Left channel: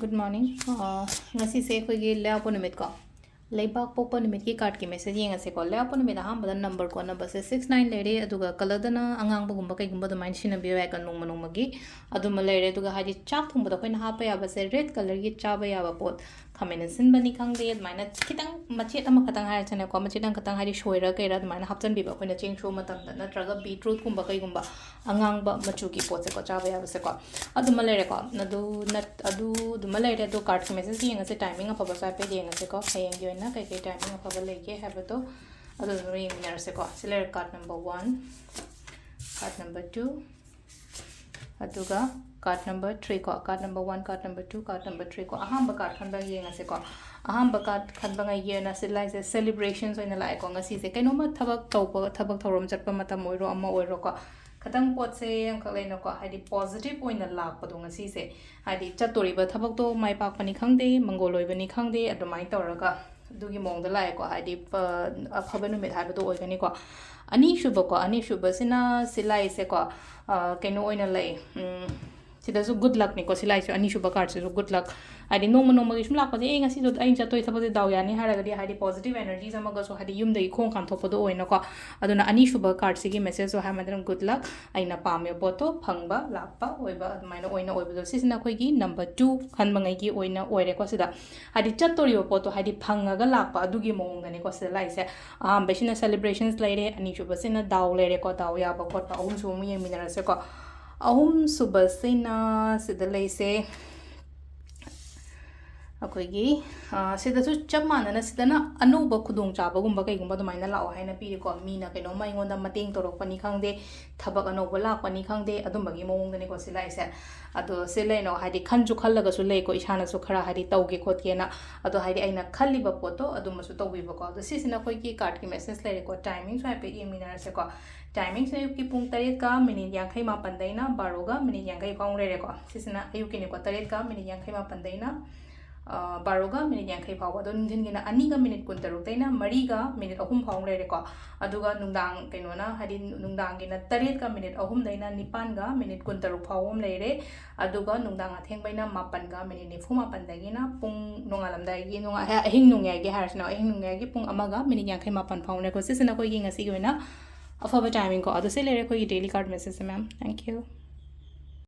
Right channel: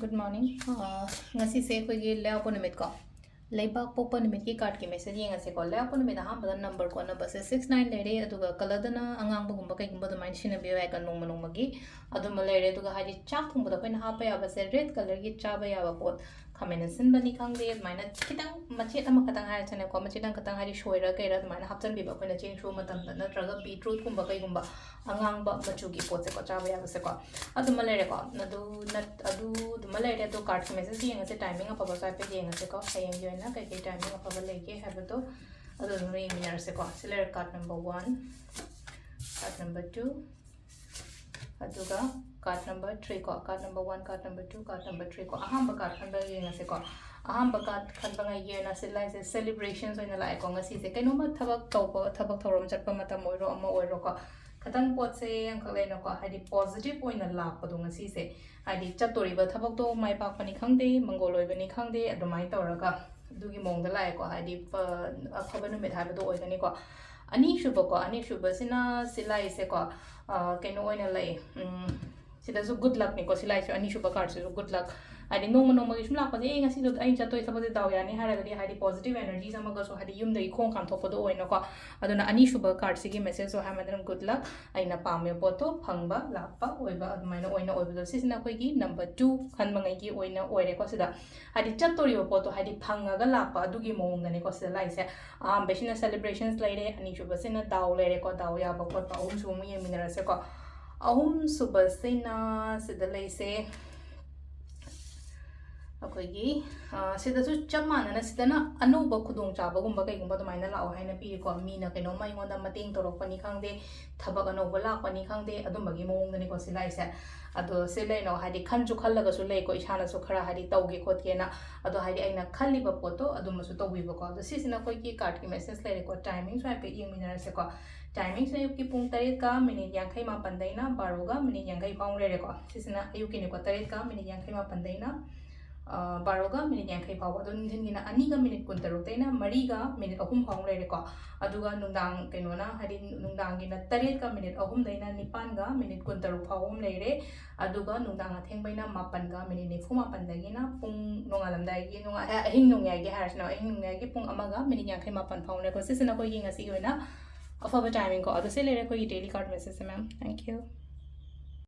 Good morning. Ngasi se koi gi lea pon nimit ko. Leibak popa nimit ki card ki message yenga se ko lea pon nimit aham badan number ko na base 69 lere aduga color dana angang ba gumba kai gumba da main shina biya ka nong manong magi aduma lere aduga haji chak thum ba da koi na ha pa ya ba se red color gi cha ba ya ba pot khamen sin bani khang de maina kitang machet ama khatang ha chane ko machet ang khatang hari shoira kai ra maina hapchan bi ba koi na cheng thru matam da na traga beetroot gumba kai gumba angang ba machu ki pot se ko cha ba ya ba se ko aduma lere ko na du nat adu duma lere do card ki message yenga se timing apa ba sa pe yenga se ko hayeng yo na kai kai timing apa ba leke have to adu no yenga se ko select card number 1 card number 2 aduga card number 3 ko card number 1 card number 2 card number 3 ko ahamba card khan ba yenga se ko ahamba card khan ba ngai yena se lai se celebrations oina lai ko ngasi se kaino ma thabak tawpa thabak thorom chatpa matam oiro ama oiro ko khatang pot se ang khalai no ko hadi positive oina lak pa dong ngasi se hadi chatori ba thabak to mai pak pani khangde mangoloi bani khangde adumai tawraga dugi mong da lai ko hadi aphaba nu met haba do oigani ko ani shuba sina silai se ko kaino oina lai sida so good luck ni ko silai se ani shuba card se so good luck hadi no gi shum lak pa de ngasi do ain chatoi thabade daw yani haraga di hadi positive energies ama ga so hadi yum dai khong kham thopa do oina ko aduna ani shuba card se gi message so ha madran good luck aina pame poto phangba lakpa oiba admaina oina oiba do sisina khoi gi number 2 khan mangai gi oina oire ko sida hadi chatori poto hadi phangaga lakpa adugi mong gani ko sida lai se besina celebrations laire ani shuba sina daw laire ko daw ya ba ko ahum su mi yeminara se ko ahum suba sina sida lai se अखोगी सिदसु चम मानना सिदना अनौब खुदोंग चाबगुंबा कईगुंबा दुमाइना लाओ हाइना पीरिको मीना कइनो माइंगोंदा मतेंग तोरकपनी खांगदे थबक अनौब लाकपनी खांगदे अदुंबगी मोंगदनी को सिलाइसे अदो सिलेनो हाइदि खनजु खल्लगसु लेको इसानासु खरा हाइदि तौगे खोतकेना अदो हाइदि आइना खल्लिबा पोतो अदुमसु तौबिबको अदो सिसिना खोइकी card की मैसेज लेरेको टाइमिंग स्वाइपे इमिनारसेको टाइमिंग से अयुकी पुंग 3 का मिनिट 58 दैना 12 का मिनिट 50 पाउंग लेरेको सिसिना अयुकीनिको 3 का मिनिट 58 दैना 12 का मिनिट 50 फाव अदो नुंधिनगिना 2 का मिनिट 16 दैना 3 का मिनिट 3 फाउंग लेरेको अदुगा नुंदांग केनोना हादि नुंदांगिना 3 का मिनिट 3 दैना 9 का मिनिट 16 फाव हम लेरे अदुगा नुंदांग अथेंगबैना 9 का मिनिट 94 दैगिना पुंग नोंगालमदाइगी नोंगा अहिंग नुंगाइगी हारसना अहिंग नुंगाइगी पुंग अमागा मिनिट 58 फाउंग लेको सिसना कोइगी ngasi goina afaba timing ko ado se lere ko daily card message ma'am thank you